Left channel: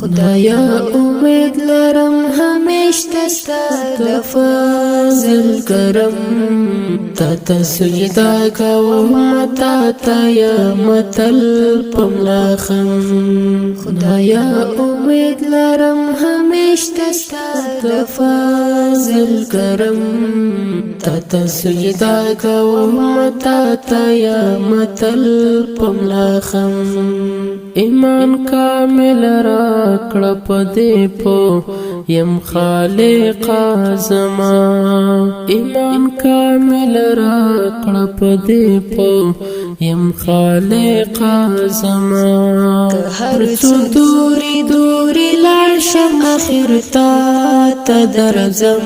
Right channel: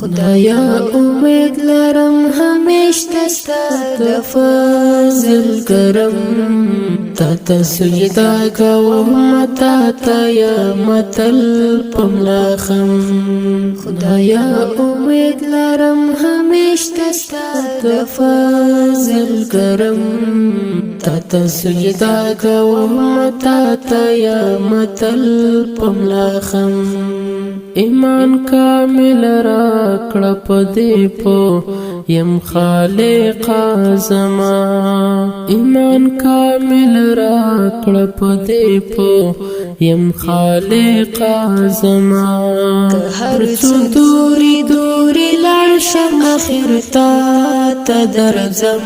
خدایا امید لرم همیش دستا د فضل کرم تا سجدا کوم تا یا متل پملاخم خدایا امید لرم همیش دستا د فضل کرم تا سجدا کوم تا یا متل پملاخم ایمان کامل راکړه پدې په یم خالق زما ایمان کامل راکړه پدې په یم خالق زما هر څو دوری دوری لاړ شم اخر تا درځم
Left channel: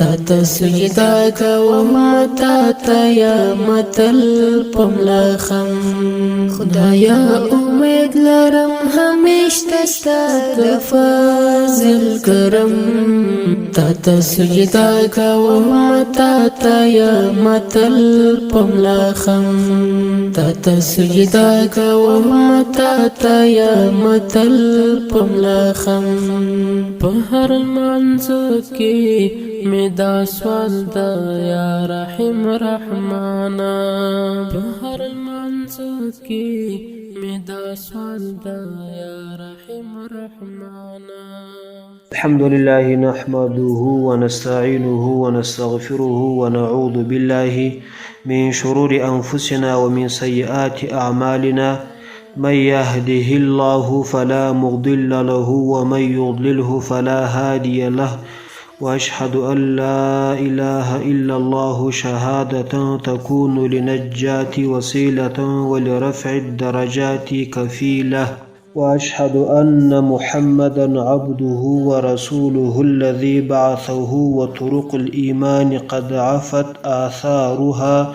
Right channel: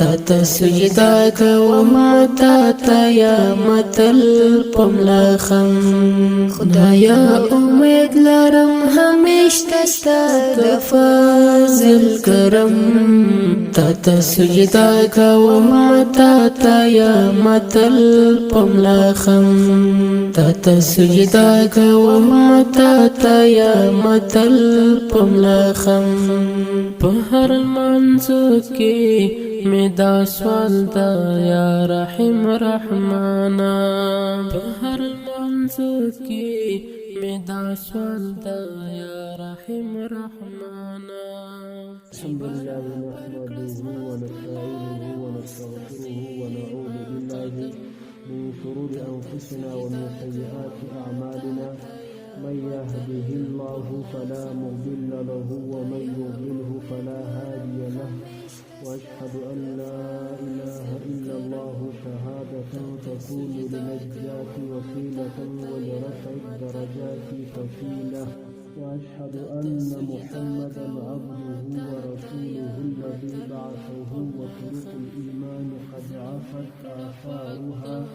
تا سجدا کوم تا یا متل پملاخم خدایا امید لرم همیش دستا د فضل کرم تا سجدا کوم تا یا متل پملاخم تا سجدا کوم تا یا متل پملاخم په هر منځ کې می دا سوال دا یا رحیم رحمانا په هر منځ کې می دا سوال دا یا رحیم رحمانا الحمد لله نحمده ونستعينه ونستغفره ونعوذ بالله من شرور أنفسنا ومن سيئات أعمالنا من يهده الله فلا مضل له ومن يضلله فلا هادي له وأشهد أن لا إله إلا الله شهادة تكون لنجاة وسيلة ولرفع الدرجات كفيلة وأشهد أن محمدا عبده ورسوله الذي بعثه وطرق الإيمان قد عفت آثارها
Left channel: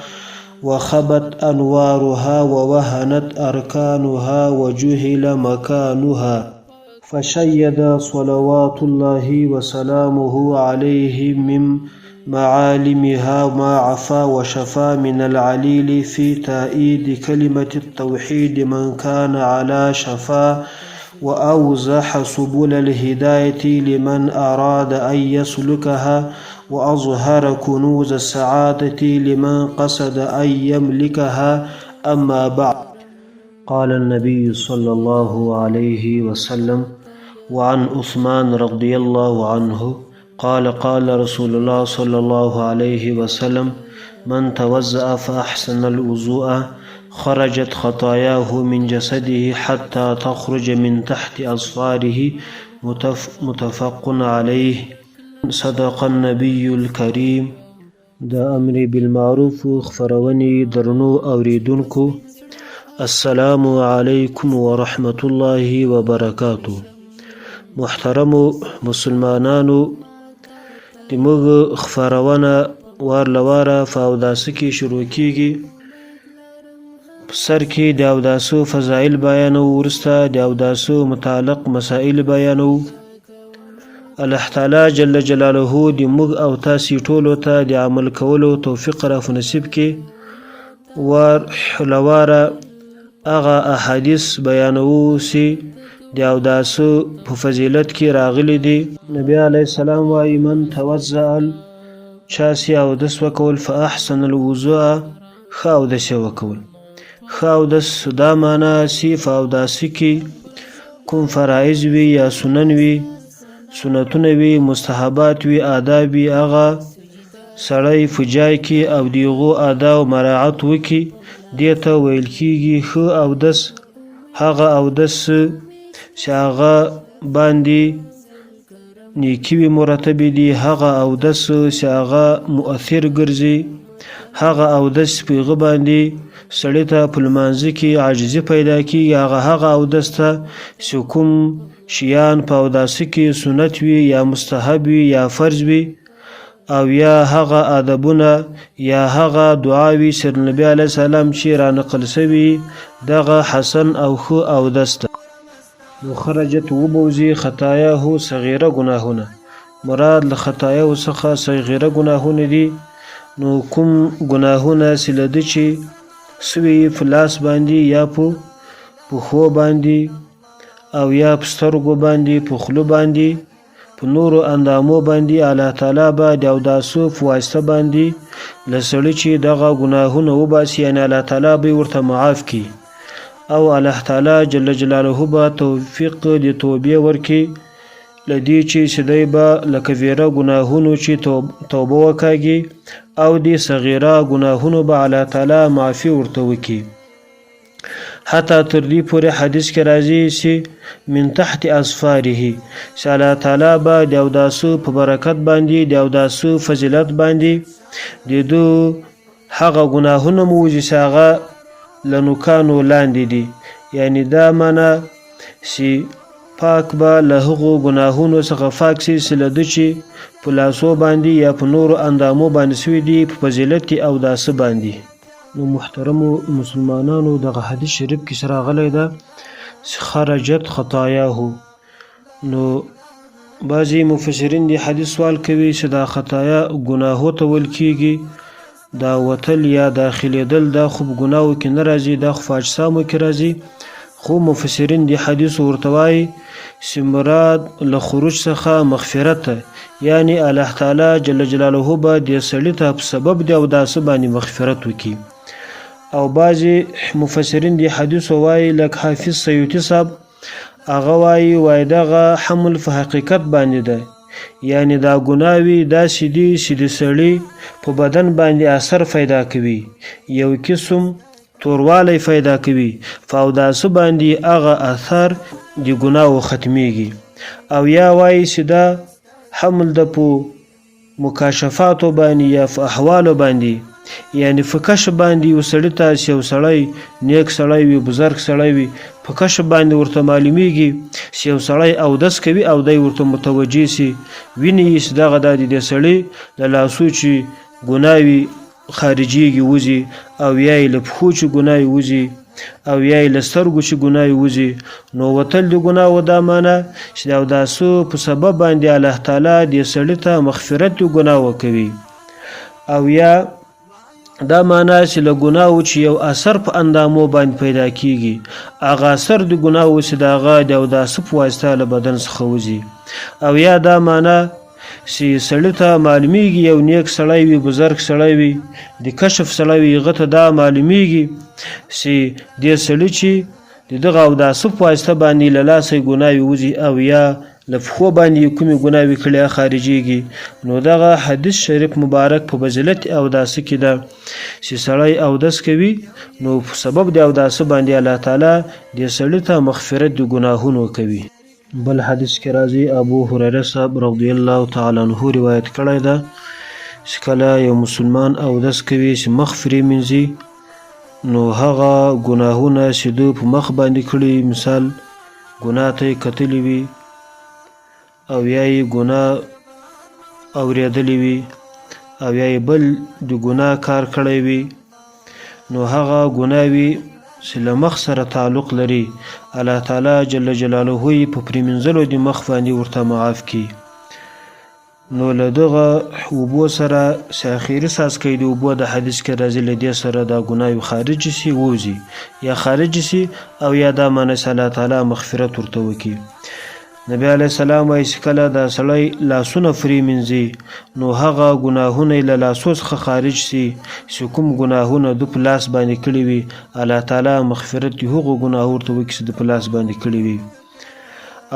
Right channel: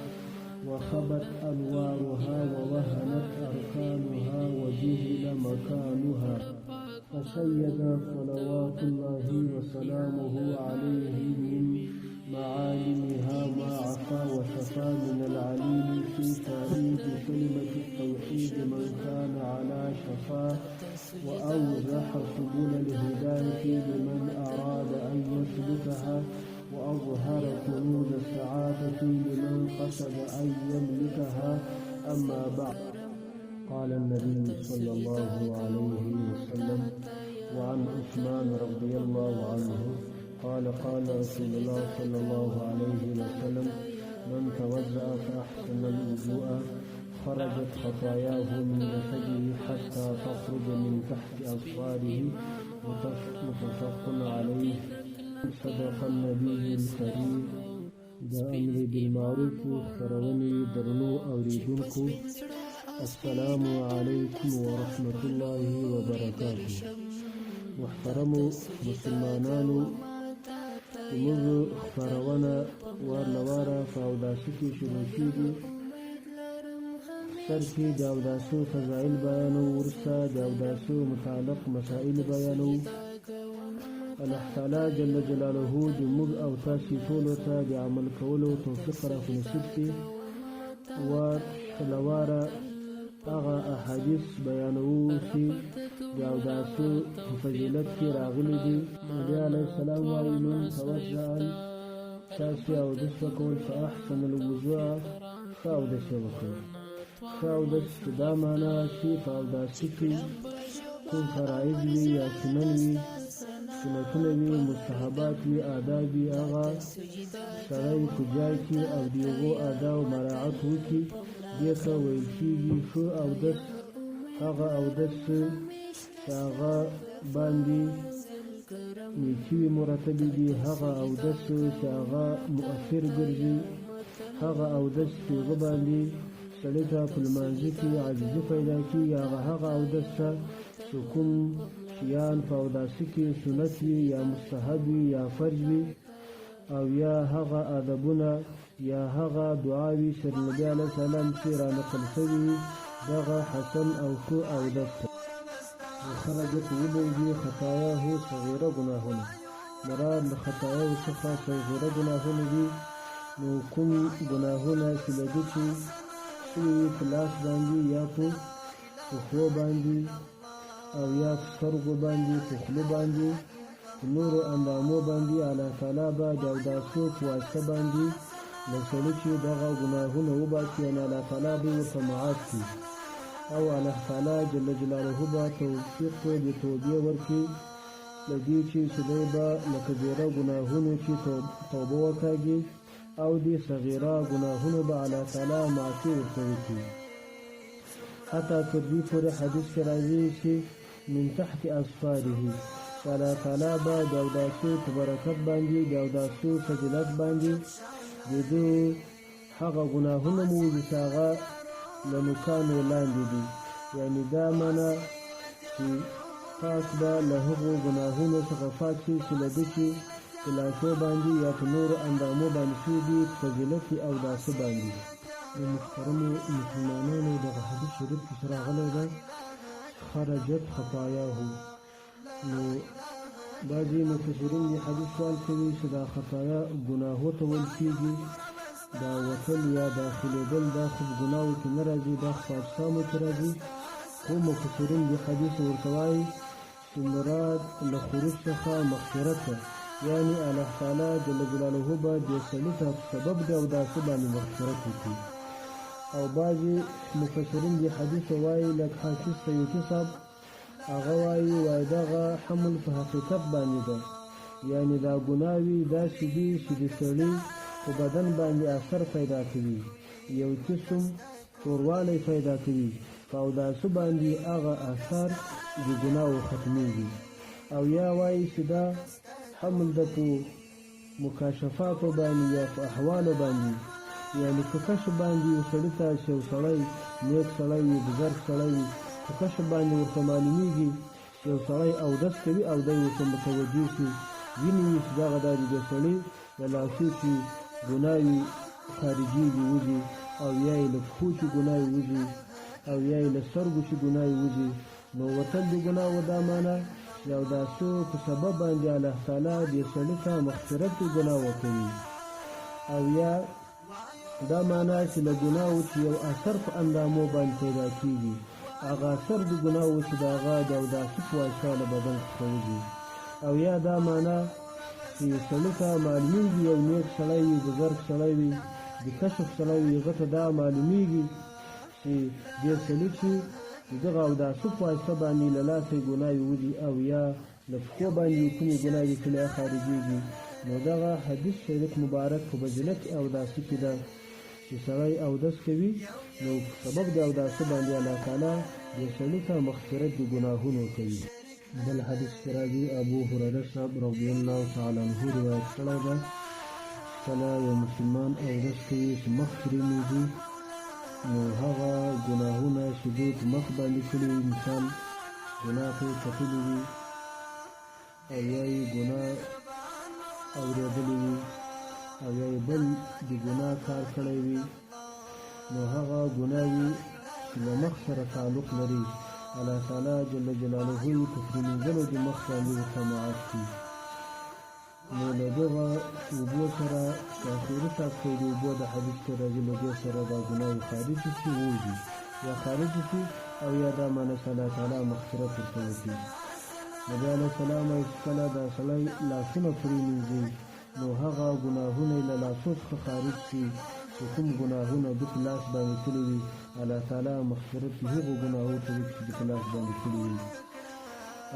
وخبت أنوارها ووهنت أركانها وجهل مكانها فشيد صلوات الله وسلامه عليه من معالمها ما عفا وشفى من العليل في تأييد كلمة التوحيد من كان على شفا وأوزح سبل الهداية لمن أراد أن يسلكها وأظهر كنوز السعادة لمن قصد أن يملكها أما بعد قال النبي صلى الله عليه وسلم وعن عثمان رضي الله عنه قال قال رسول الله صلى الله عليه وسلم من توضأ فأحسن الوضوء خرجت خطاياه من جسده حتى تخرج من تحت أظفاره متفق عليه صدق النبي الكريم دا أمر بالمعروف خفروني درنو أوريدنكو السلام علیکم ورحمت الله وبرکاته محترم مسلمانانو د موږ خپرونه وار لواره په اوداسه کې شروع کیږي سر کې د اوداسو فضایل بیانو ورسته د اوداسو متعلق مسائل بیانو الله تعالی جل جلاله د موږ او تاسو ټولو ته د عمل کولو توفیق را نصیب کړي ور لواره اغا احادیث بیانو سی د اوداسو په فضیلت کې راغلي دي نبی علیه السلام وايي من توضأ چا سی اودس وکول فاحسن الوضوء ښه اودس وکول ښه اودس دا معنا سی په اوداسي کې کوم فرایض وي یا سنن وي سنتونه وي مستحبات وي آداب وي هغه سړی په جای کې او دیغو آداب مراعات وکړي دیتا ویل کیږي ښه اودس هغه اودس چې هغه باندې نیکي وي مرتب دي هغه اودس چې هغه مؤثر ګرځي هغه اودس په هغه باندې سړی ته په لمانځه کې عاجزي پیدا کیږي هغه اودس ته چې کوم شیان په اوداسه کې سنت وي یا مستحب وي یا فرض وي او یا هغه ادبونه یا هغه دعاوی سر نبی علیه السلام چې را نقل شوي دغه حسن او خو اودس ته خرجت وبوزي خطاياه صغيره گناهونه مراد له خطاياه څخه صغيره گناهونه دي نو کوم گناهونه سلده چې سوی فلاس باندې یا په خو باندې او یا په سترګو باندې، په خوله باندې، په نورو اندامو باندې الله تعالی به د اوداسو په واسطه باندې له سړي چې دغه ګناهونه وباسي، یعنې الله تعالی به ورته معاف کړي او الله تعالی جل جلاله به توفیق د توبې ورکړي له دې چې دی به له کبیره ګناهونو چې توبه وکاږي او د صغیره ګناهونو به الله تعالی معافي ورته وکړي. حتی تر دې پورې حدیث کې راځي چې من تحت اظفاره، چې الله تعالی به د اوداسو په برکت باندې، د اوداسو فضیلت باندې د دو هغه ګناهونه موجي چې هغه له نوکانو لاندې دي، یعنی دا معنا چې پاک به له هغو ګناهونو څخه پاک شي چې له ده چې په لاسو باندې یا په نورو اندامو باندې سوي دي په فضیلت اوداسه باندې. نو محترمو مسلمانانو، دغه حدیث شریف کې راغلی ده چې خرجت خطایاه. نو بعضې مفسرین د حدیث سوال کوي چې دا خطایا ګناهو ته ویل کېږي، دا وتل یا داخلېدل دا خو په ګناهو کې نه راځي، دا خو په اجسامو کې راځي. خو مفسرین د حدیث ورته وایي چې مراد له خروج څخه مغفرت ده، یعنی الله تعالی جل جلاله به دې سړي ته په سبب د اوداسه باندې مغفرت وکړي. او بعضې مفسرین د حدیث وایي لکه حافظ سیوطي صاحب هغه وایي دغه حمل په حقیقت باندې ده، یعنی دا ګناوي داسې دي چې د سړي په بدن باندې اثر پیدا کوي، یو قسم توروالی پیدا کوي، په اوداسه باندې هغه اثر د ګناو ختمیږي. او یا وایي چې دا حمل د په مکاشفاتو باندې یا په احوالو باندې، یعنی په کشف باندې یو سړي ته چې یو سړی نیک سړی وي، بزرګ سړی وي، په کشف باندې ورته معلومیږي چې یو سړی اودس کوي او دی ورته متوجه سي، ویني چې دغه د دې سړي له لاسو چې ګناوي خارجيږي وځي، او یا یې له پښو چې ګناوي وځي، او یا یې له سترګو چې ګناوي وځي. نو وتل د ګناو دا معنا چې د اوداسو په سبب باندې الله تعالی دې سړي ته مغفرت د ګناو کوي. او یا دا معنا چې له ګناو چې یو اثر په اندامو باندې پیدا کیږي، هغه اثر د ګناو چې د هغه د اوداسه په واسطه له بدن څخه وځي. او یا دا معنا چې سړي ته معلومیږي یو نیک سړی وي، بزرګ سړی وي، د کشف سړی وي، هغه ته دا معلومیږي چې دې سړي چې د دغه اوداسه په واسطه باندې له لاسه ګناوي وځي او یا له پښو باندې کومې ګناوي کړي خارجيږي. نو دغه حدیث شریف مبارک په فضیلت اوداسه کې ده چې سړی اودس کوي، نو په سبب د اوداسه باندې الله تعالی دې سړي ته مغفرت د ګناهونو کوي. بل حدیث کې راځي ابو هريره صاحب رضی الله تعالی عنه روایت کړی ده چې کله یو مسلمان اودس کوي چې مخ فرې مینځي، نو هغه ګناهونه چې دوی په مخ باندې کړي، مثال ګناه ته یې کتلی وي او یا یې ګناه اورېدلی وي او یا یې بل د ګناه کار کړی وي، نو هغه ګناوي چې له مخ سره تعلق لري الله تعالی جل جلاله یې په پرېمنځلو د مخ باندې ورته معاف کړي. نو له دغه اوبو سره چې اخري څاڅکی د اوبو د حدیث کې راځي، له دې سره دا ګناوي خارج شي، ووځي یا خارج شي، او یا دا معنی چې الله تعالی مغفرت ورته وکړي. نبی علیه السلام وایي چې کله دا سړی لاسونه فرې مینځي، نو هغه ګناهونه یې له لاسو څخه خارج سي چې کوم ګناهونه ده په لاس باندې کړي وي، الله تعالی مغفرت د هغو ګناهو ورته وکړي چې ده په لاس باندې کړي وي.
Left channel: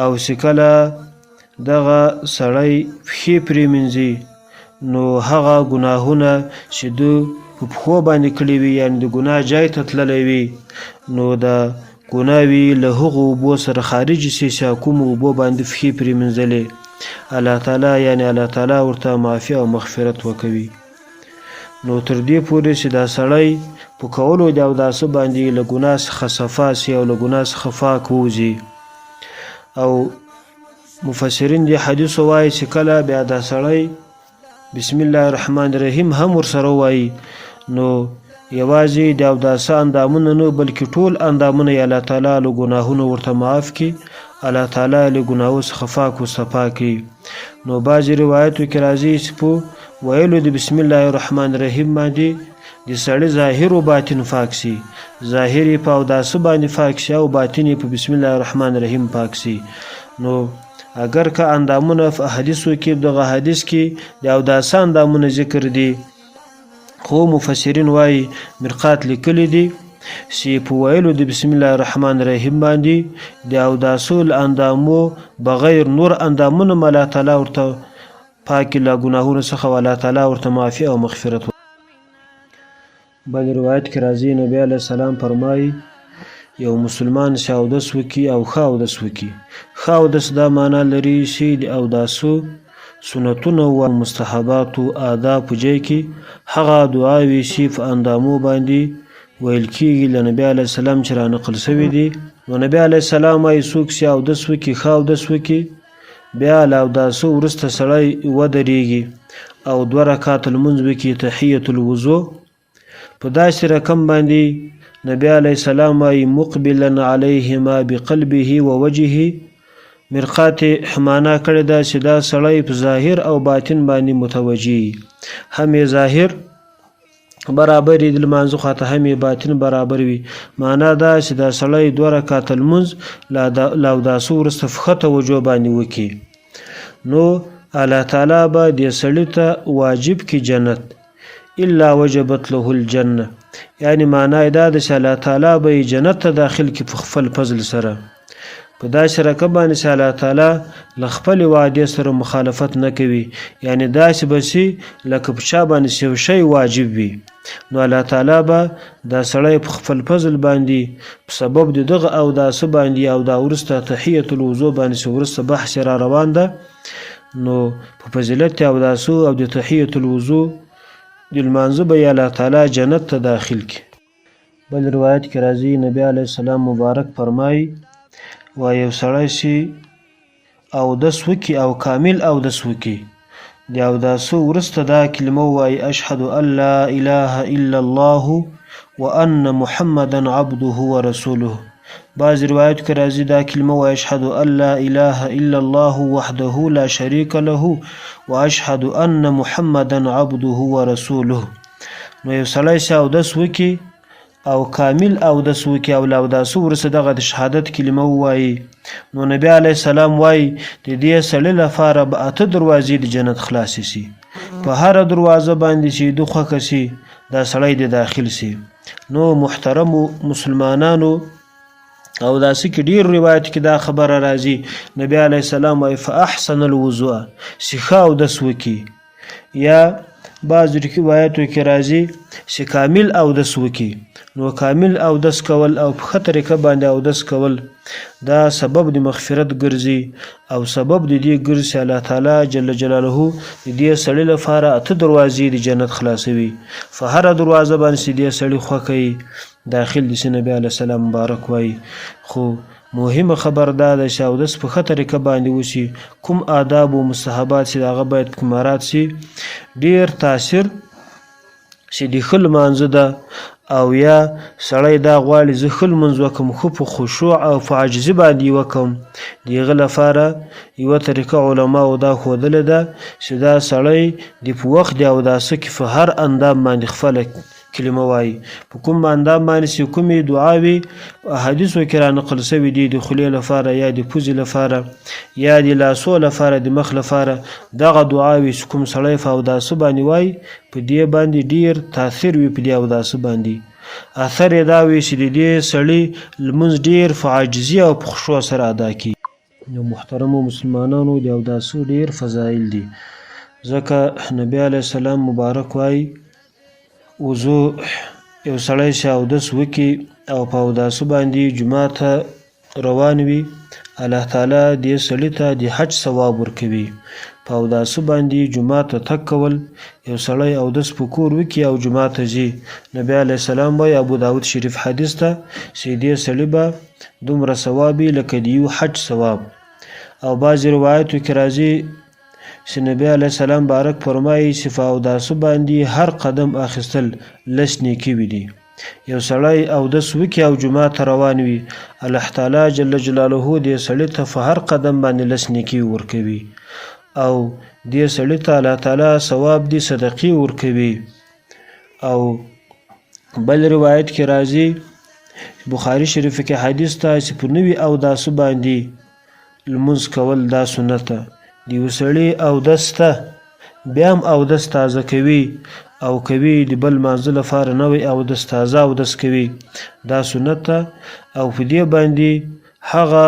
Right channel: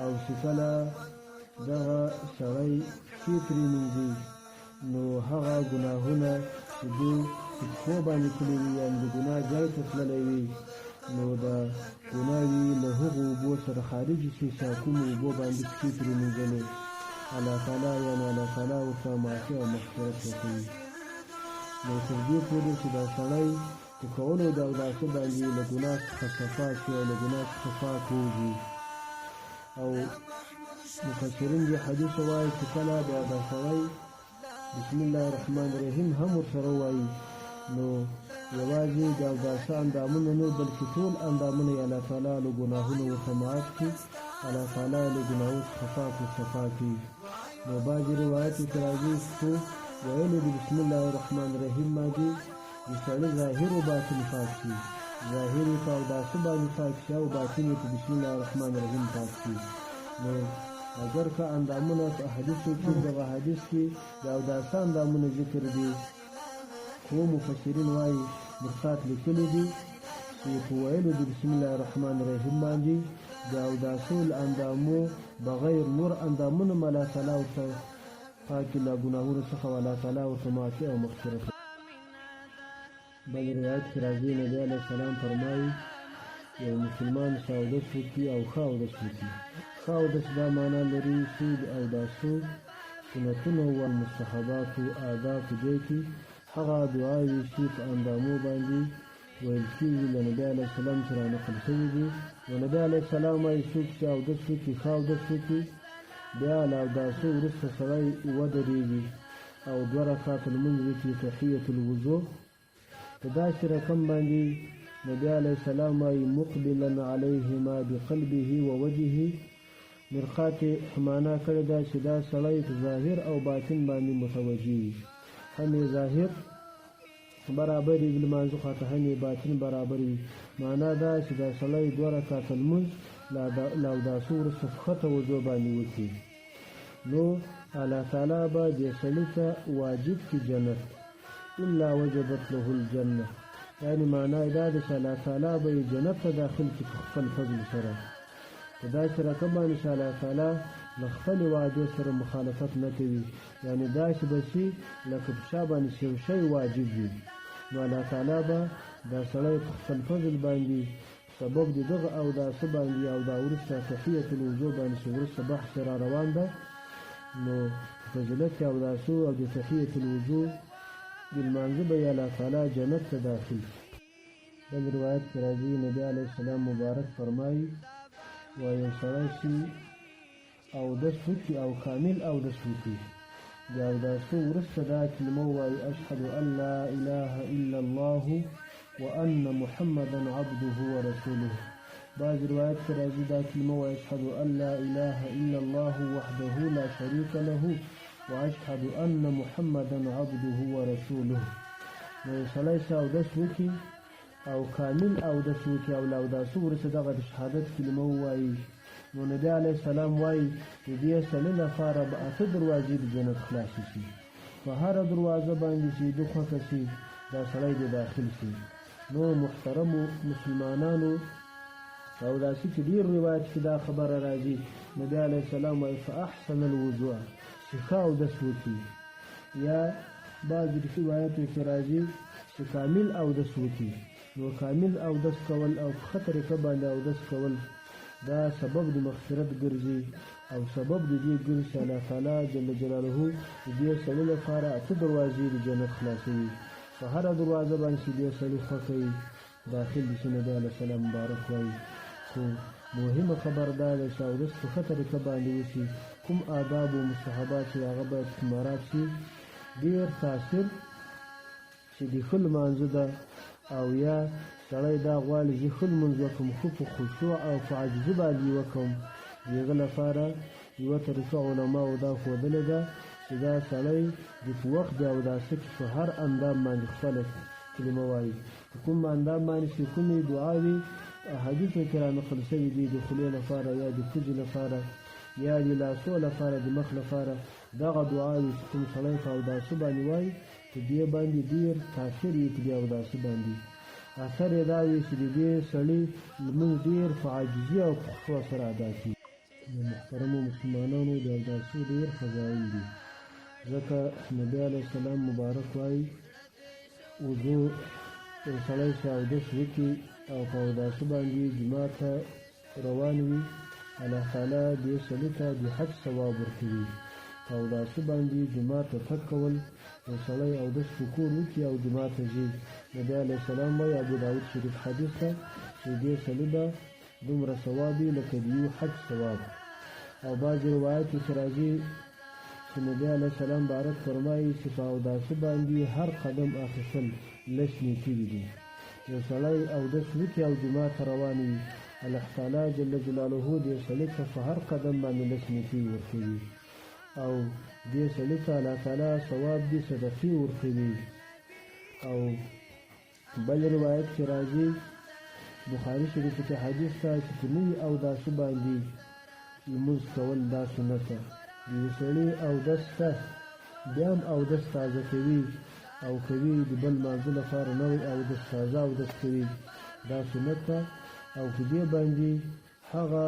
او چې کله دغه سړی پښې پرې مینځي، نو هغه ګناهونه چې ده په پښو باندې کړي وي، یعنې د ګناه جای ته تللی وي، نو دا ګناوي له هغو اوبو سره خارج سي چې کومو اوبو باندې پښې پرې مینځلې، الله تعالی یعنې الله تعالی ورته معافي او مغفرت وکوي. نو تر دې پورې چې دا سړی په کولو د اوداسه باندې له ګناه څخه صفا سي او له ګناه څخه پاک ووځي. او مفسرین د حدیثو وایي چې کله بیا دا سړی بسم الله الرحمن الرحیم هم ورسره وایي، نو یوازې د اوداسه اندامونه نه بلکې ټول اندامونه یې الله تعالی له ګناهونو ورته معاف کړي، الله تعالی له ګناهو څخه پاک و صفا کړي. نو بعضې روایتو کې راځي چې په ویلو د بسم الله الرحمن الرحیم باندې د سړي ظاهر و باطن پاک سي، ظاهر یې په اوداسه باندې پاک شي او باطن یې په بسم الله الرحمن الرحیم پاک شي. نو اگر که اندامونه په احادیثو کې دغه حدیث کې د اوداسه اندامونه ذکر دي، خو مفسرین وایي مرقات لیکلی دي چې په ویلو د بسم الله الرحمن الرحیم باندې د اوداسو له اندامو بغیر نور اندامونه الله تعالی ورته پاکي له ګناهونو څخه الله تعالی ورته معافي او مغفرت. بل روایت کې راځي نبی علیه السلام فرمایي یو مسلمان چې اودس وکړي او ښه اودس وکړي. ښه اودس دا معنا لري چې د اوداسو سنتونه او مستحباتو آداب په ځای کې هغه دعاوې چې په اندامو باندې ویل کېږي له نبی علیه السلام چې رانقل شوي دي. نو نبی علیه السلام وایي څوک چې اودس وکړي ښه اودس وکړي بیا له اوداسو وروسته سړی ودرېږي او 2 رکعاته لمونځ وکړي تحیة الوضو په داسې رقم باندې نبی علیه السلام وایي مقبلا علیهما بقلبه ووجهه مرقات حمانه کړې ده چې دا سړی په ظاهر او باطن باندې متوجي، هم یې ظاهر برابر وي د لمانځه خواته هم یې باطن برابر وي. معنا دا چې دا سړی 2 رکعاته لمونځ له اوداسو وروسته په ښه توجه باندې وکړي نو الله تعالی به دې سړي ته واجب کړي جنت الا وجبت له الجنه، یعنی معنا دا ده چې الله تعالی به جنت ته داخل کړي په خپل فضل سره. په داسې رقم باندې چې الله تعالی له خپلې وعدې سره مخالفت نه کوي، یعنی داسې به چې لکه په چا باندې یو شی واجب وي نو الله تعالی به دا سړی په خپل فضل باندې په سبب د دغه اوداسه باندې او دا وروسته تحیة الوضو باندې چې وروسته بحث را روان ده نو په فضیلت اوداسو او د تحیة الوضو د لمانځه به الله تعالی جنت ته داخل کړي. بل روایت کې راځي نبی علیه السلام مبارک فرمایي و یو سړی چې اودس وکړي او کامل اودس وکړي د اوداسو وروسته دا کلمه ووایي اشهد ان لا اله الا الله وان محمدا عبده ورسوله. بعض روایت کې راځي دا کلمه وایي اشهد ان لا اله الا الله وحده لا شریک له واشهد ان محمدا عبده ورسوله. نو یو سړی چې اودس وکړي او کامل اودس وکړي او له اوداسو وروسته دغه د شهادت کلمه ووایي نو نبی علیه السلام وایي د دې سړي لپاره به 8 دروازې د جنت خلاصې شي، په هره دروازه باندې چې د خوښه شي دا سړی د داخل شي. نو محترمو مسلمانانو او داسې کې ډیر روایت کې دا خبره راځي نبی علیه السلام وایي فاحسن الوضوء چې ښه اودس وکړي، یا بعض روایتو کې راځي چې کامل اودس وکړي. نو کامل اودس کول او په ښه طریقه باندې اودس کول دا سبب د مغفرت ګرځي او سبب د دې ګرځي الله تعالی جل جلاله د دې سړي لپاره 8 دروازې د جنت خلاصوي، په هره دروازه باندې چې دې سړي خوښوي داخل د نبی علیه السلام مبارک وایي. خو مهمه خبر دا ده چې اودس په ښه طریقه باندې وشي، کوم آداب او مستحبات چې هغه باید په مراعات شي. ډیر تاثیر چې د ښه لمانځه ده او یا سړی دا غواړي زه ښه لمونځ وکړم خو په خشوع او په عاجزي باندې وکړم، د هغه لپاره یوه طریقه علماو دا ښودلې ده چې دا سړی د په وخت د اوداسه کې په هر اندام باندې خپله کلمه وایي، په کوم اندام باندې چې کومې دعاوې احادیثو کې رانقل شوي دي د خولې لپاره یا د پوزې لپاره یا د لاسو لپاره د مخ لپاره دغه دعاوې چې کوم سړی په اوداسه باندې وایي په دې باندې ډیر تاثیر وي، په دې اوداسه باندې اثر یې دا وي چې د دې سړي لمونځ ډیر په عاجزي او په خشوع سره ادا کړي. نو محترمو مسلمانانو د اوداسو ډیر فضایل دي، ځکه نبی علیه السلام مبارک وایي وضو یو سړی چې اودس وکړي او په اوداسه باندې جومات ته روان وي الله تعالی دې سړي ته د حج ثواب ورکوي. په اوداسه باندې جومات ته تګ کول یو سړی اودس په کور وکړي او جومات ته ځي، نبی علیه السلام وایي ابو داود شریف حدیث ته چې دې سړي به دومره ثواب وي لکه د یو حج ثواب. او بعضې روایتو کې راځي چې نبی علیه السلام بارک فرمایي چې په اوداسه باندې هر قدم اخیستل 10 نیکي وي دي. یو سړی اودس وکړي او جومات ته روان وي الله تعالی جل جلاله دې سړي ته په هر قدم باندې 10 نیکي ورکوي او دې سړي ته الله تعالی ثواب دي صدقې ورکوي. او بل روایت کې راځي بخاري شریف کې حدیث ته چې په نوي اوداسو باندې لمونځ کول دا سنت ده. د یو سړي اودس ته بیا هم اودس تازه کوي او کوي د بل لمانځه لپاره نوی اودس تازه اودس کوي دا سنت ده. او په دې باندې هغه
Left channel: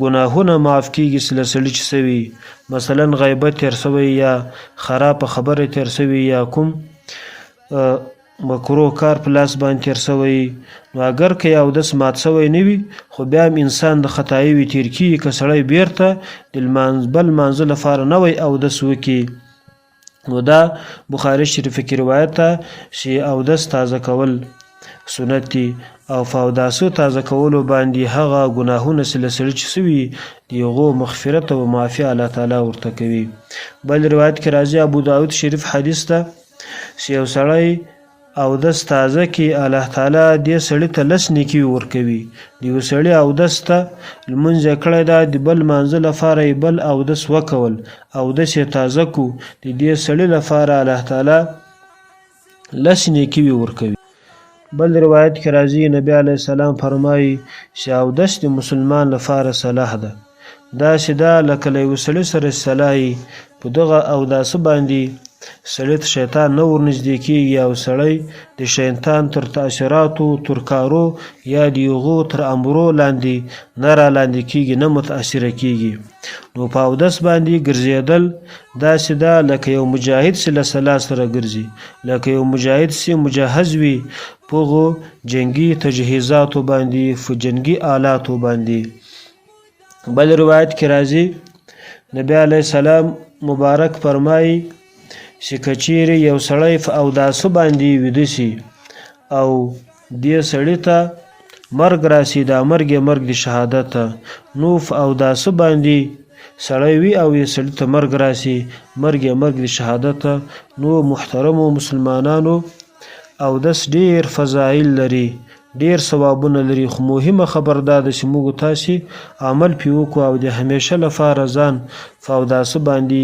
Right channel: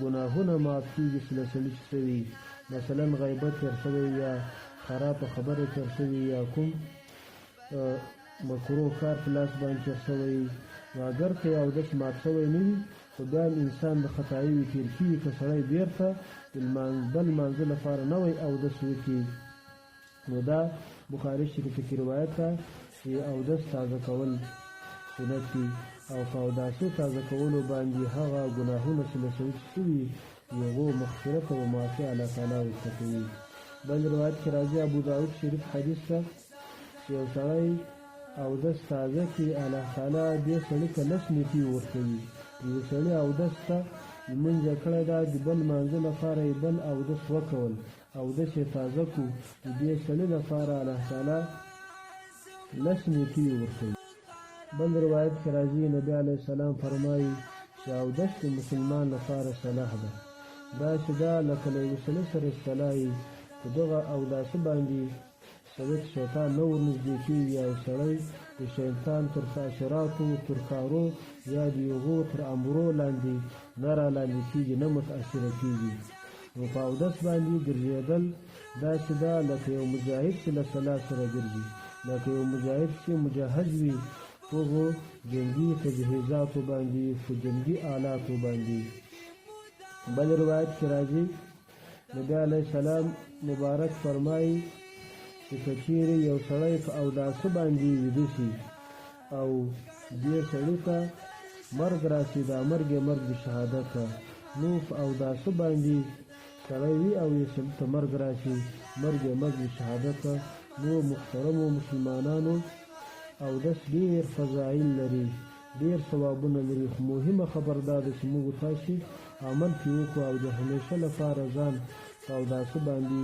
ګناهونه معاف کیږي چې له سړي چې سوي، مثلا غیبت تیر سوی یا خرابه خبره تیر سوي یا کوم مکروه کار په لاس باندې تیر سوی، نو اگر که اودس مات سوی نه وي خو بیا هم انسان د خطایي وي تیر کیږي که سړی بیرته د بل لمانځه لپاره نوی اودس وکړي. نو دا بخاري شریف کې روایت ده چې اودس تازه کول سنت دي او په اوداسو تازه کولو باندې هغه ګناهونه چې له سړي چې سوي د هغو مغفرت او معافي الله تعالی ورته کوي. بل روایت کې راځي ابو داود شریف حدیث ده چې یو سړی اودس تازه کې الله تعالی دې سړي ته 10 نیکي ورکوي. د یو سړي اودس ته لمونځ یې کړی ده د بل لمانځه لپاره یې بل اودس وکول اودس یې تازه کو د دې سړي لپاره الله تعالی 10 نیکي ورکوي. بل روایت کې راځي نبی علیه السلام فرمایي چې اودس د مسلمان لپاره صلاح ده. داسې ده لکه له یو سړي سره صلاحي په دغه اوداسه باندې سړی ته شیطان نه ورنږدې کېږي او سړی د شیطان تر تاثیراتو تر کارو یا د هغو تر امرو لاندې نه رالاندې کېږي نه متاثره کېږي. نو په اودس باندې ګرځېدل داسې ده لکه یو مجاهد چې له سلا سره ګرځي، لکه یو مجاهد چې مجهز وي په هغو جنګي تجهیزاتو باندې په جنګي آلاتو باندې. بل روایت کې راځي نبی علیه السلام مبارک فرمایي چې که چیرې یو سړی په اوداسه باندې ویده شي او دې سړي ته مرګ راسي دا مرګ یې مرګ د شهادت ته، نو په اوداسه باندې سړی وي او یې سړي ته مرګ راسي مرګ یې مرګ د شهادت ته. نو محترمو مسلمانانو اودس ډیر فضایل لري ډیر ثوابونه لري، خو مهمه خبر دا ده چې موږ تاسې عمل پې وکړو او د همیشه لپاره ځان په اوداسه باندې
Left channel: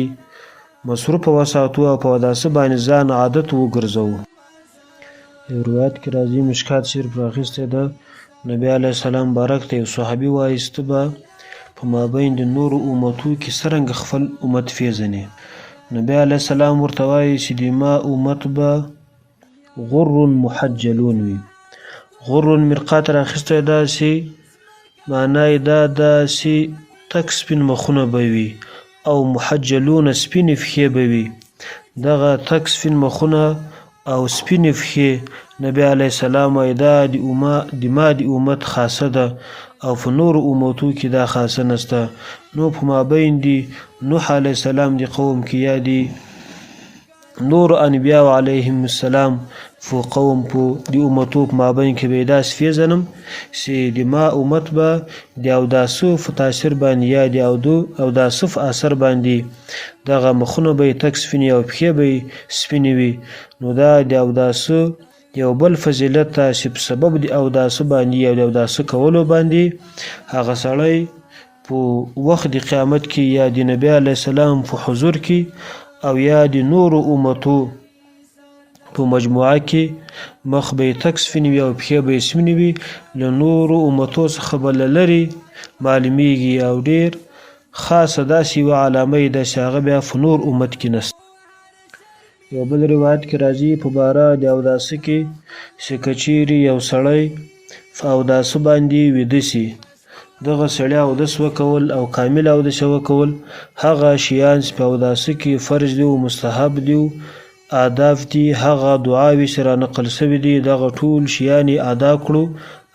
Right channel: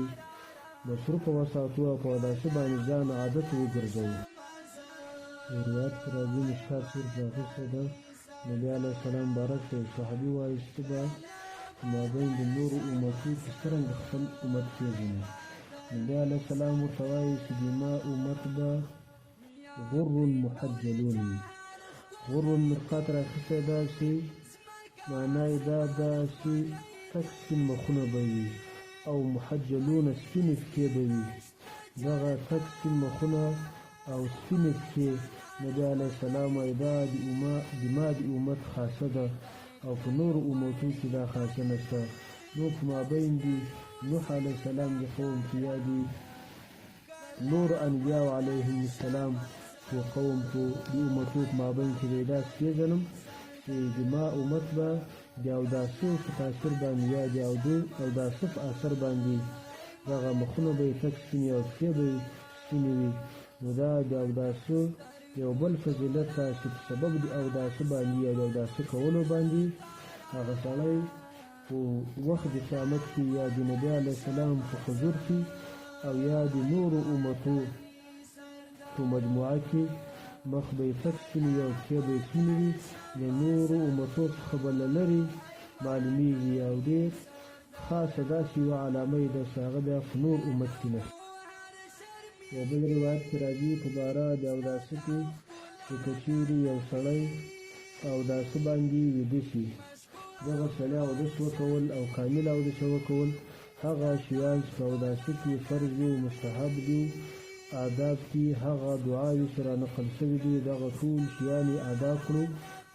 مصروفه وساتو او په اوداسه باندې ځان عادت وګرځوو. یو روایت کې راځي مشکات شریف راخیستی ده نبی علیه السلام بارک ته یو صحابي وایي چې ته به په مابین د نورو امتو کې څرنګه خپل امت پیژنې؟ نبی علیه السلام ورته وایي چې د ما امت به غر محجلون وي. غر مرقات راخیستی ده چې معنی دا ده چې تک سپین مخونه به وي او محجلون سپین فخې به وي. دغه تک سپین مخونه او سپین فخې نبی علیه السلام وایي دا د ما د امت خاصه ده او په نورو امتو کې دا خاصه نسته. نو په مابین د نوح علیه السلام د قوم کې یا د نور انبیاء علیهم السلام فو قوم په د امتو په مابین کې به داسې پیژنم چې د ما امت به د اوداسو په تاثیر باندې یا د اوداسو په اثر باندې دغه مخونه به یې تک سپینې او پښې به یې سپینې وي. نو دا د اوداسو یو بل فضیلت ته چې په سبب د اوداسو باندې یا د اوداسو کولو باندې هغه سړی په وخت د قیامت کې یا د نبی علیه السلام په حضور کې او یا د نورو امتو په مجموعه کې مخ به یې تک سپینې وي او پښې به یې سپینې وي، له نورو امتو څخه به له لرې معلومیږي او ډېر خاصه داسې یوه علامه یې ده چې هغه بیا په نور امت کې نشته. یو بل روایت کې راځي په باره د اوداسه کې چې که چیرې یو سړی په اوداسه باندې ویده شي دغه سړی اودس وکول او کامل اودس وکول هغه شیان چې په اوداسه کې فرض دي او مستحب دي آداب دي هغه دعاوې چې رانقل سوي دي دغه ټول شیان یې ادا کړو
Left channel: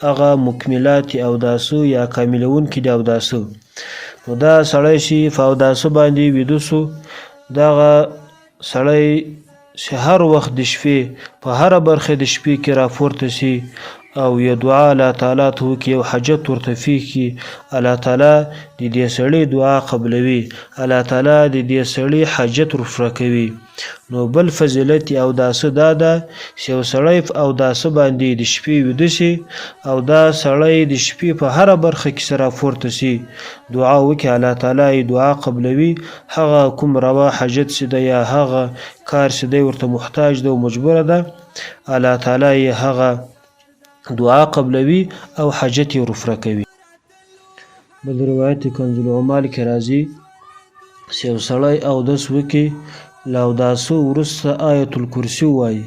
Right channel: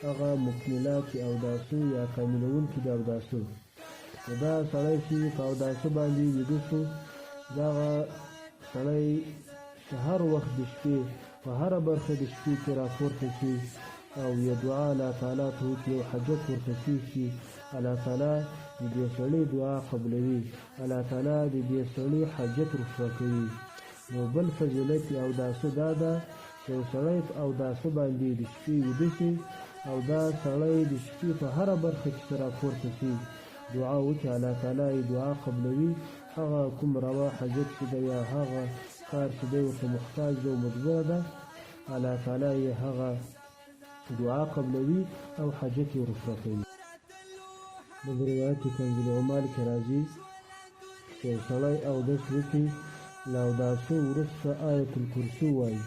هغه مکملات اوداسو یا کاملونکي د اوداسو. نو دا سړی چې په اوداسه باندې ویده سو دغه سړی چې هر وخت د شپې په هره برخه د شپې کې راپورته شي او یو دعا الله تعالی ته وکړي یو حاجت ورته پیښ کړي الله تعالی د دې سړي دعا قبلوي الله تعالی د دې سړي حاجت ورفره کوي. نو بل فضیلت اوداسه دا ده چې یو سړی په اوداسه باندې د شپې ویده شي او دا سړی د شپې په هره برخه کې سره راپورته شي دعا وکړي الله تعالی دعا قبلوي هغه کوم روا حاجت چې ده یا هغه کار چې دی ورته محتاج ده او مجبوره ده الله تعالی هغه دعا قبلوي او حاجت یې رفره کوي. بل روایت کنز العمال کې راځي چې یو سړی اودس وکړي له اوداسه وروسته آیت الکرسي ووایي.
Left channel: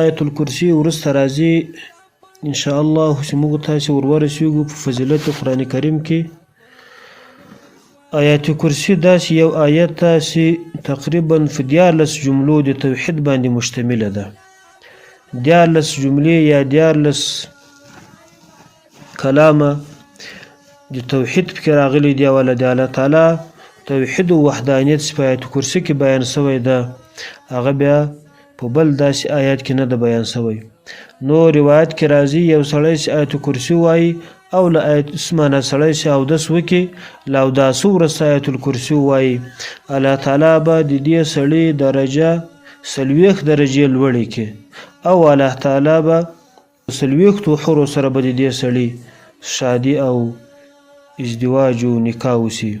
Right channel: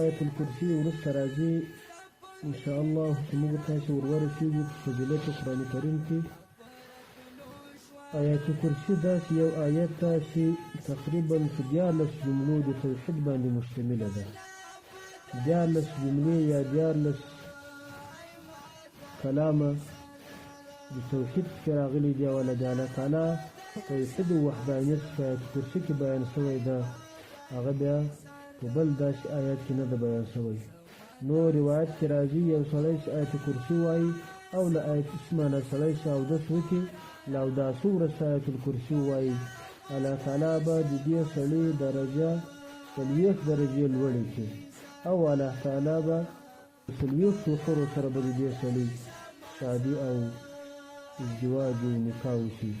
آیت الکرسي وروسته راځي انشاءالله چې موږ تاسې ورورسېږو په فضیلت قرآن کریم کې. آیت کرسي داسې یو آیت ده چې تقریبا په 14 جملو د توحید باندې مشتمله ده. 14 جملې یا 14 کلامه د توحید پکې راغلي دي، او د الله تعالی توحید او وحدانیت په آیت کرسي کې بیان شوی ده، هغه بیا په بل داسې آیات کې نه ده بیان شوی. نو روایت کې راځي یو سړی چې آیت کرسي وایي او له آیت اسمانه سړی چې اودس وکړي له اوداسه وروسته آیت الکرسي ووایي، الله تعالی به د دې سړي درجه 40 درجې لوړې کړي، او الله تعالی به 40 حورو سره به د دې سړي شادي او ازدواج او نکاح وشي.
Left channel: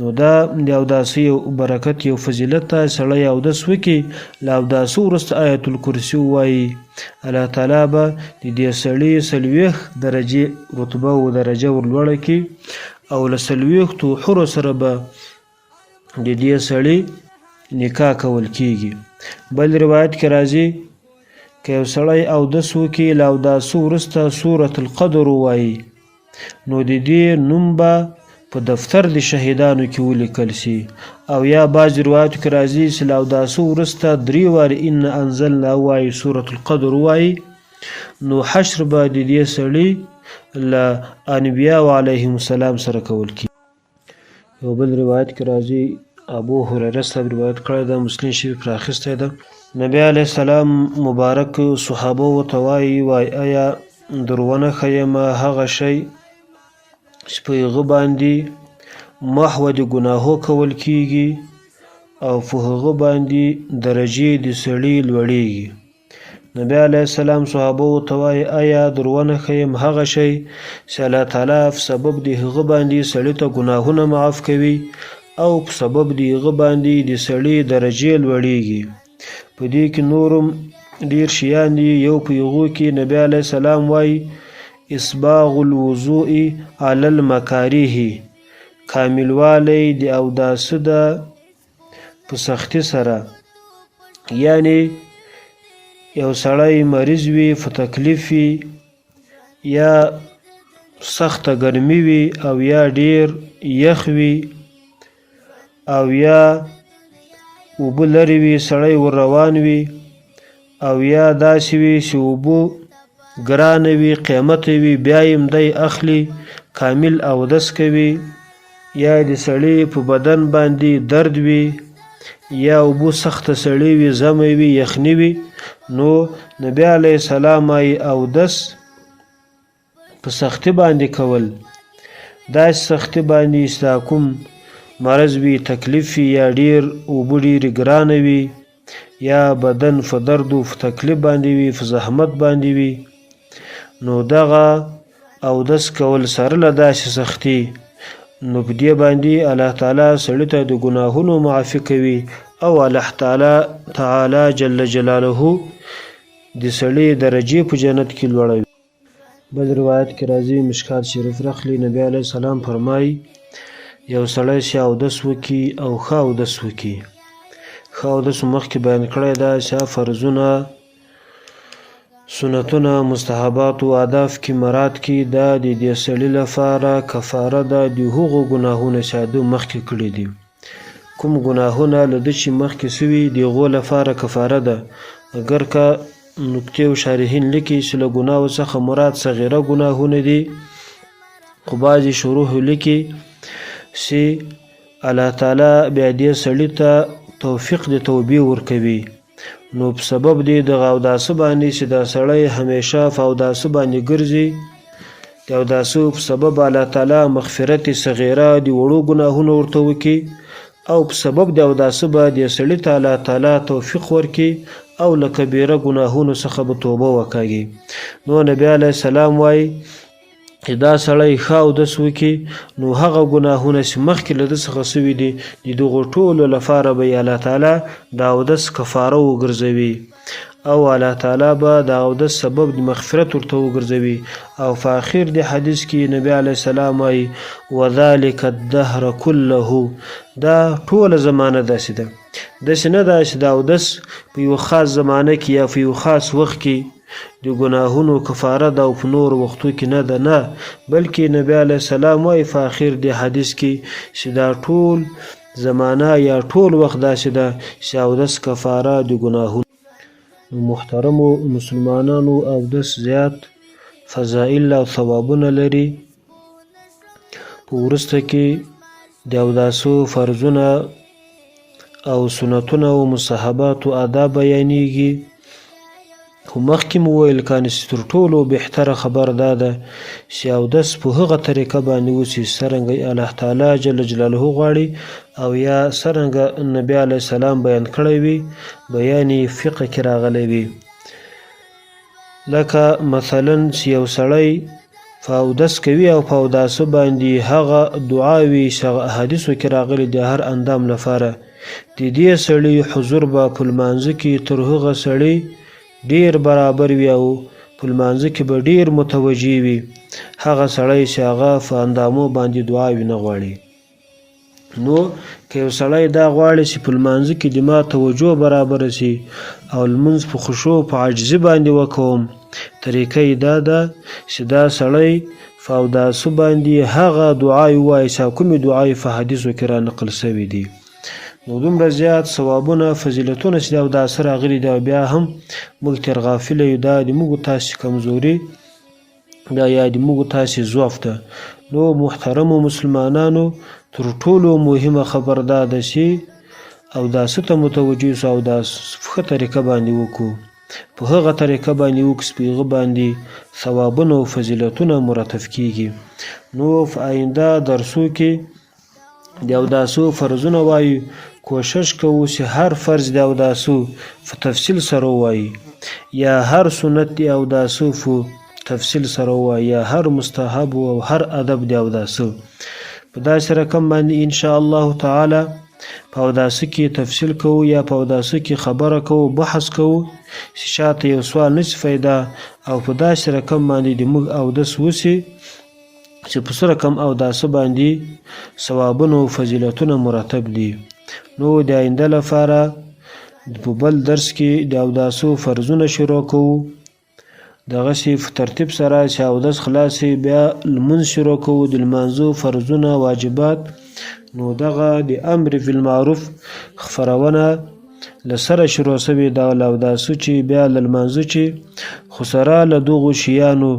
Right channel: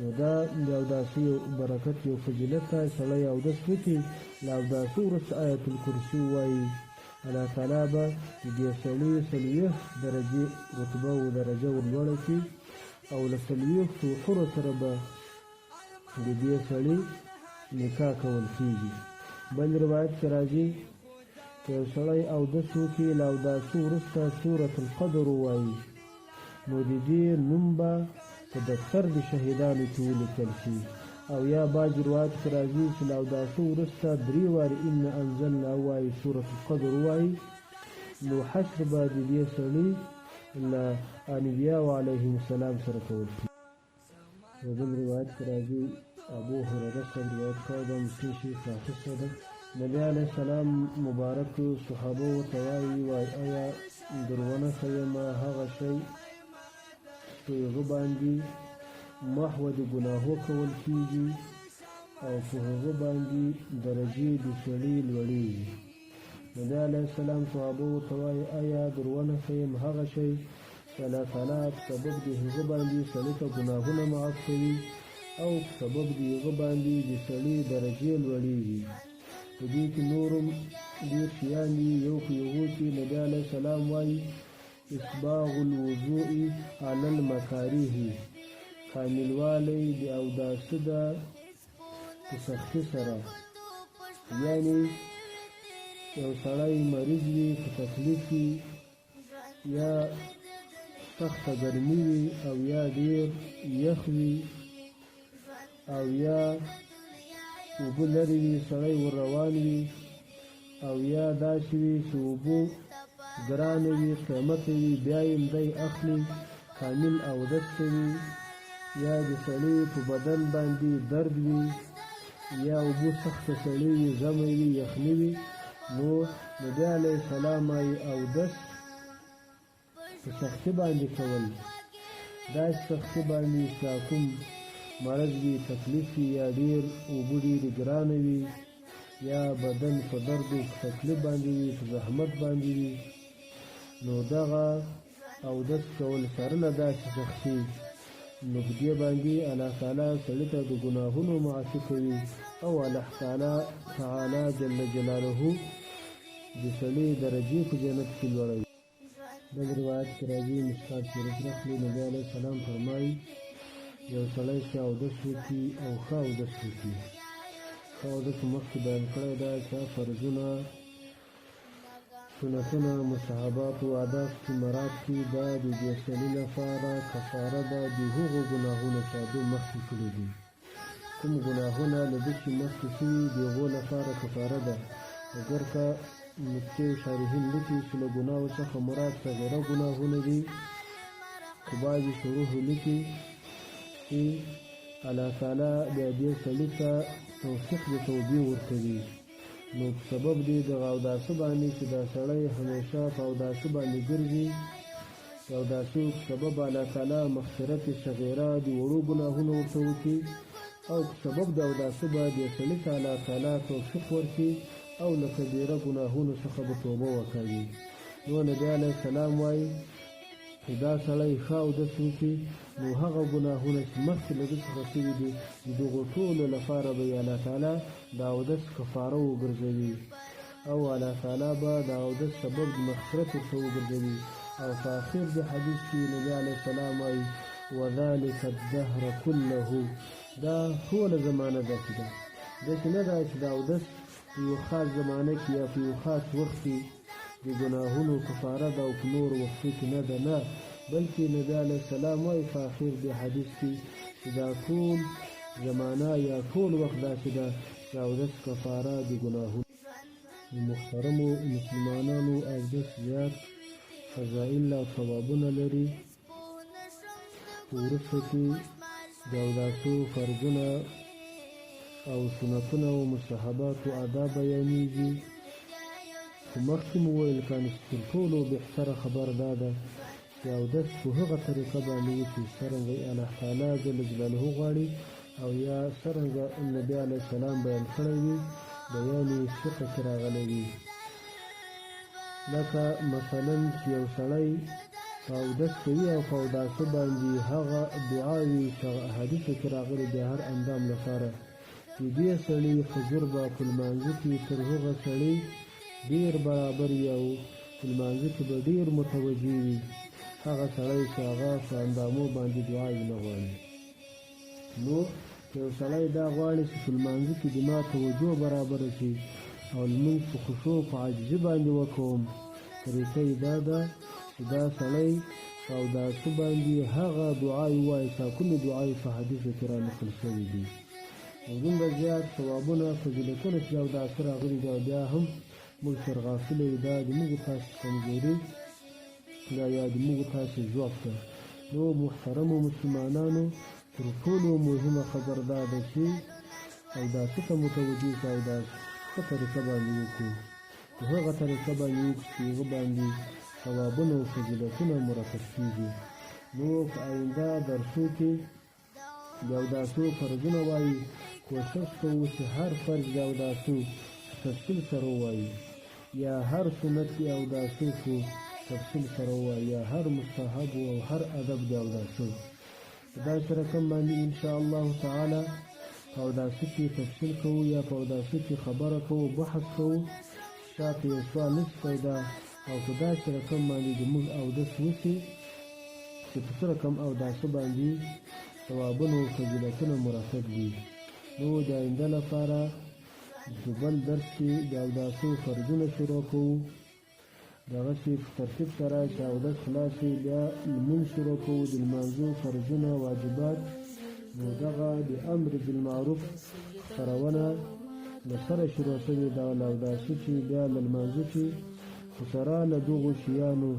نو دا د اوداسه یو برکت یو فضیلت ته سړی اودس وکړي له اوداسه وروسته آیت الکرسي ووایي، الله تعالی به د دې سړي 40 درجې رتبه او درجه ورلوړه کړي، او له 40 حورو سره به د دې سړي نکاح کول کیږي. بل روایت کې راځي که یو سړی اودس وکړي له اوداسه وروسته سورة القدر ووایي، نو د دې نوم به په دفتر د شهیدانو کې ولیکل شي. او یا بعض روایتو کې راځي چې له اوداسه وروسته 3 وارې ان انزلنا وایي، سورة القدر وایي، نو حشر به د دې سړي له انبیاء علیهم السلام سره کول کیږي. یو بل روایت کې راځي ابو هریره صاحب روایت کړی ده، مسلم شریف راخیستی ده، نبی علیه السلام مبارک صحابه ورته وایي آیا درونه ښیم هغه شی چې په هغه باندې محو د ګناهو کول کیږي او په هغه باندې درجې د سړي لوړیږي. نبی علیه السلام صحابه ورته وایي آیا درونه ښیم هغه شی چې الله تعالی په سبب د هغه باندې سړي ته ګناهونه معاف کوي او په سبب د هغه باندې د سړي درجې لوړیږي. په دې کې نورم ډیر شیان دي. یو په هغو کې نبی علیه السلام وایي اسباغ الوضوء علی المکاره، کاملوالی د اوداسه ده په سختي سره، یعنی یو سړی مریض وي، په تکلیف وي، یا سخته ګرمي وي، او یا ډیر یخ وي، او یا اوبه لرې وي سړی ور روان وي، او یا داسې وي چې اوبه ګرانه وي قیمته وي بیا یې دی اخلي کامل اودس کوي، یا د سړي په بدن باندې درد وي، یا اوبه سخته سړی وي، زمی وي، یخني وي، نو نبی علیه السلام وایي اودس په سختي باندې کول، داسې سختي باندې چې دا کوم مرض وي، تکلیف وي، یا ډیر اوبه ډیرې ګرانه وي، یا بدن په درد و په تکلیف باندې وي، په زحمت باندې وي، نو دغه اودس کول سره له داسې سختي، نو په دې باندې الله تعالی سړي ته د ګناهونو معافي کوي، او الله تعالی جل جلاله د سړي درجې په جنت کې لوړوي. بل روایت کې راځي مشکات شریف راخلي، نبی علیه السلام فرمایي یو سړی چې اودس وکړي او ښه اودس وکړي، ښه اودس مخکې بیان کړی ده چې فرضونه، سنتونه، مستحبات او اهداف کې مراد کې دا د دې سړي لپاره کفاره ده د هغو ګناهونو چې ده مخکې کړي دي. کوم ګناهونه له ده چې مخکې سوي د هغو لپاره کفاره ده. اگر که نکتې او شارحین لیکي چې له ګناهو څخه مراد صغیره ګناهونه دي، خو بعضې شروح لیکي چې الله تعالی بیا دې سړي ته توفیق د توبې ورکوي، نو په سبب دی د اوداسه باندې چې دا سړی همیشه په اوداسه باندې ګرځي، د اوداسه په سبب الله تعالی مغفرت صغیره د وړو ګناهونو ورته وکړي، او په سبب د اوداسه به د سړي ته الله تعالی توفیق ورکړي او له کبیره ګناهونو څخه به توبه وکاږي. نو نبی علیه السلام وایي دا سړی ښه اودس وکړي، نو هغه ګناهونه چې مخکې له ده څخه سوي دي د دغو ټولو لپاره به یې الله تعالی د اودس کفاره وګرځوي، او الله تعالی به د اودس سبب د مغفرت ورته وګرځوي. او په اخر د حدیث کې نبی علیه السلام وایي وذلک الدهر كله، دا ټوله زمانه داسې ده، داسې نه ده چې د اودس په یو خاص زمانه کې یا په یو خاص وخت کې د ګناهونو کفاره ده او په نور وختو کې نه ده، نه، بلکې نبی علیه السلام وایي په اخر د حدیث کې چې دا ټول زمانه یا ټول وخت داسې ده چې اودس کفاره د ګناهونو. محترمو مسلمانانو، اودس زیات فضائل او ثوابونه لري. په وروسته کې د اوداسو فرضونه او سنتونه او مستحبات او آداب بیانېږي. خو مخکې مو ویل کانې چې تر ټولو بهتره خبر دا ده چې اودس په هغه طریقه باندې وسي څرنګه الله تعالی جل جلاله غواړي او یا څرنګه نبی علیه السلام بیان کړی وي، بیان یې فقه کې راغلی وي. لکه مثلا چې یو سړی په اودس کوي او په اوداسه باندې هغه دعاوي چې هغه احادیثو کې راغلي د هر اندام لپاره، د دې سړي حضور به په لمانځه کې تر هغه سړي ډیر برابر وي او په لمانځه کې به ډیر متوجه وي هغه سړی چې هغه په اندامو باندې دعاوي نه غواړي. نو که یو سړی دا غواړي چې په لمانځه کې د ما توجه برابر شي او لمونځ په خشوع په عاجزي باندې وکوم، طریقه یې دا ده چې دا سړی په اوداسه باندې هغه دعاوي ووایي چې کومې دعاوي په حدیثو کې را نقل شوي دي. نو دومره زیات ثوابونه فضیلتونه چې د اوداسه راغلي دي، بیا هم موږ تر غافله یو، دا د موږ تاسې کمزوري دا یا د موږ تاسې ضعف ده. نو محترمو مسلمانانو، تر ټولو مهمه خبر دا ده چې اوداسه ته متوجه اوسو، اوداس په ښه طریقه باندې وکړو، په هغه طریقه باندې وکړو چې په هغه باندې ثوابونه او فضیلتونه مرتب کیږي. نو په آینده درسو کې د اوداسو فرضونه وایو، کوشش کوو چې هر فرض د اوداسو په تفصیل سره ووایي، یا هر سنت د اوداسو په تفصیل سره ووایي، یا هر مستحب او هر ادب د اوداسو په داسې رقم باندې ان شاء الله تعالی په اوداسه کې تفصیل کوو یا په اوداسه کې خبره کوو، بحث کوو چې شاته یو سوال نشي پیدا، او په داسې رقم باندې د موږ اودس وسي چې په څه رقم اوداسه باندې ثوابونه او فضیلتونه مرتب دي. نو د آینده لپاره په بل درس کې د اوداسو فرضونه شروع کوو، دغسې په ترتیب سره چې اودس خلاصې بیا لمونځ شروع کوو، د لمانځو فرضونه واجبات. نو دغه د امر بالمعروف خپرونه له سره شروع شوې ده، له اوداسو چې بیا له لمانځه چې خو سره له دغو شیانو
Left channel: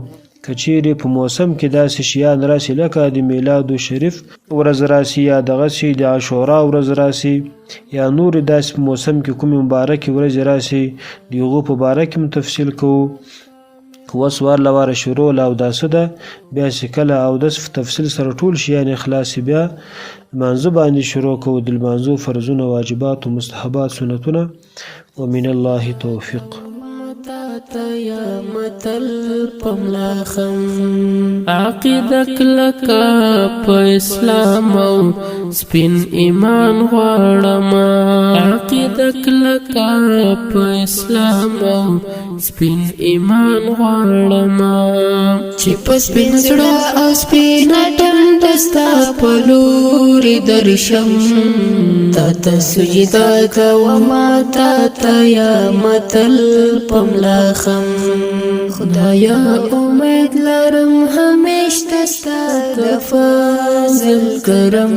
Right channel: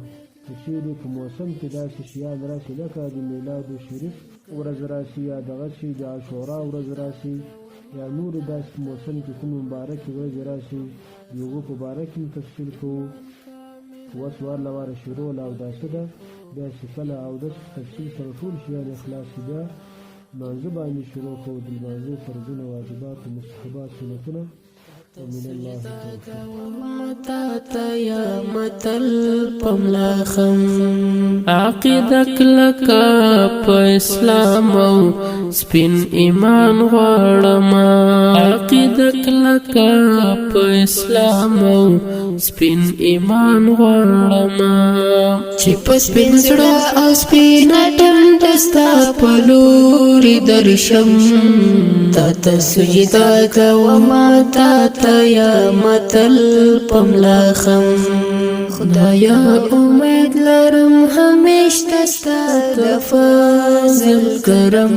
که چیرې په موسم کې داسې شیان راسي لکه د میلاد شریف ورځ راسي، یا دغسې د عاشورا ورځ راسي، یا نور داسې په موسم کې کومې مبارکې ورځې راسي، د هغو په باره کې هم تفصیل کوو. اوس ورله واره شروع له اوداسه ده، بیا چې کله اودس په تفصیل سره ټول شیان خلاصي بیا لمانځه باندې شروع کوو، د لمانځو فرضونه، واجبات او مستحبات، سنتونه. ومن الله توفیق. یا متل پملاخم عقیده کلکا په اسلام او سپین ایمان غواړم، عقیده کلکا په اسلام او سپین ایمان غواړم، چې په سپین زړه او سپین دستا په لوري درشم، تا ته سجده کوم تا ته یا متل پملاخم. خدایا امید لرم همیشه ستا د فضل کرم،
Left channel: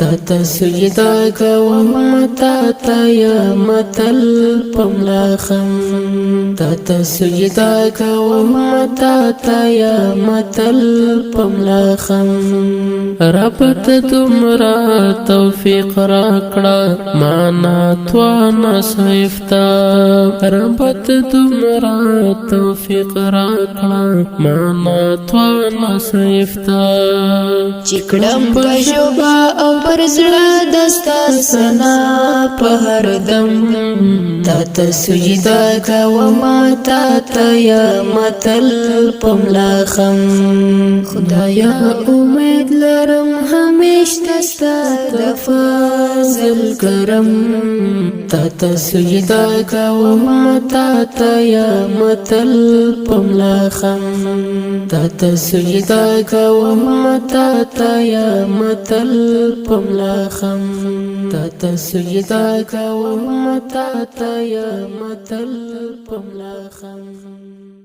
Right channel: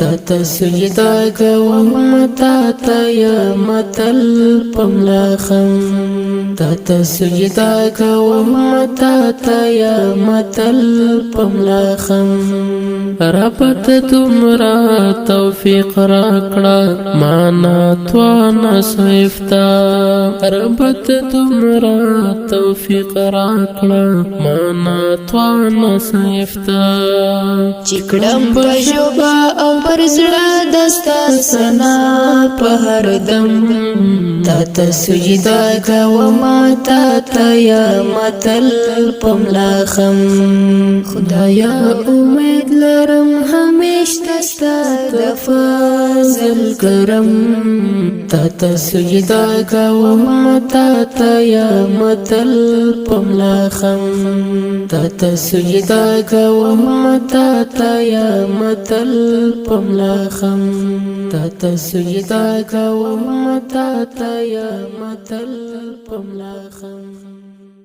تا ته سجده کوم تا ته یا متل پملاخم، تا ته سجده کوم تا ته یا متل پملاخم. رب ته دومره توفیق راکړه معنا توانا صیفتا، رب ته دومره توفیق راکړه معنا توانه سیفتا چکړم په شوبا او پر زړه دستا سنا په هر دم تا ته سجدا کوما تا ته یا متل پملا خم خدایا امید لرم همیش دستا د فضل کرم تا ته سجدا کوما تا ته یا متل پملا خم تا ته سجدا کوما تا ته یا متل پملا خم تا ته سجدا کوما تا ته یا متل پملا خم